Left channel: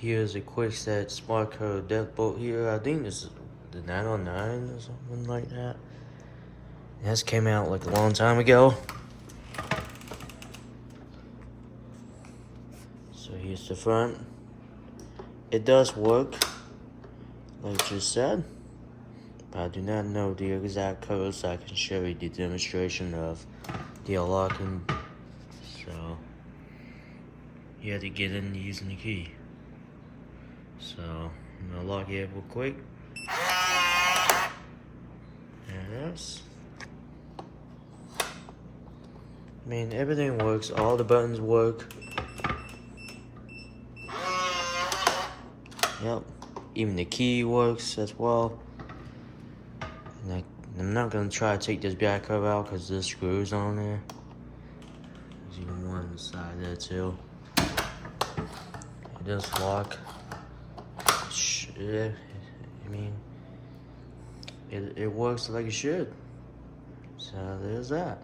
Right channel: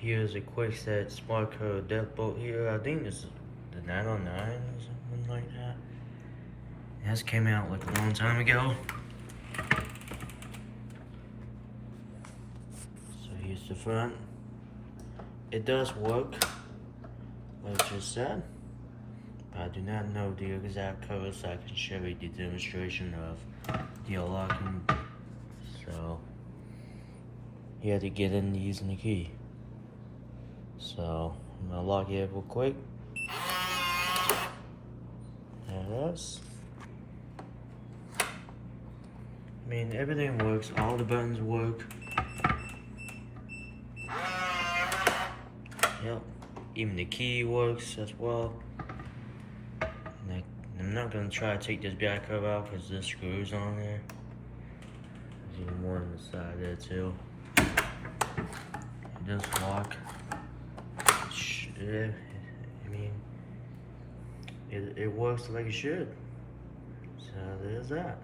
Here's a Kwikset SmartCode Deadbolt here. I think this is the 909 or something like that. This came out like a long time ago. So here's the front. It does work, like I just said, but I do not know the exact code, so I can show you the demonstration of the unlocking. So you have to get in using the key. So I'm gonna lock it real quick. There it is. I mean, everything works. All the buttons work. Yep. Even the key works as well. And I'm not gonna try to take this back cover out because there's screws on there. There's even one on the side there too. It does lock. I mean, it works like it should. So there's that.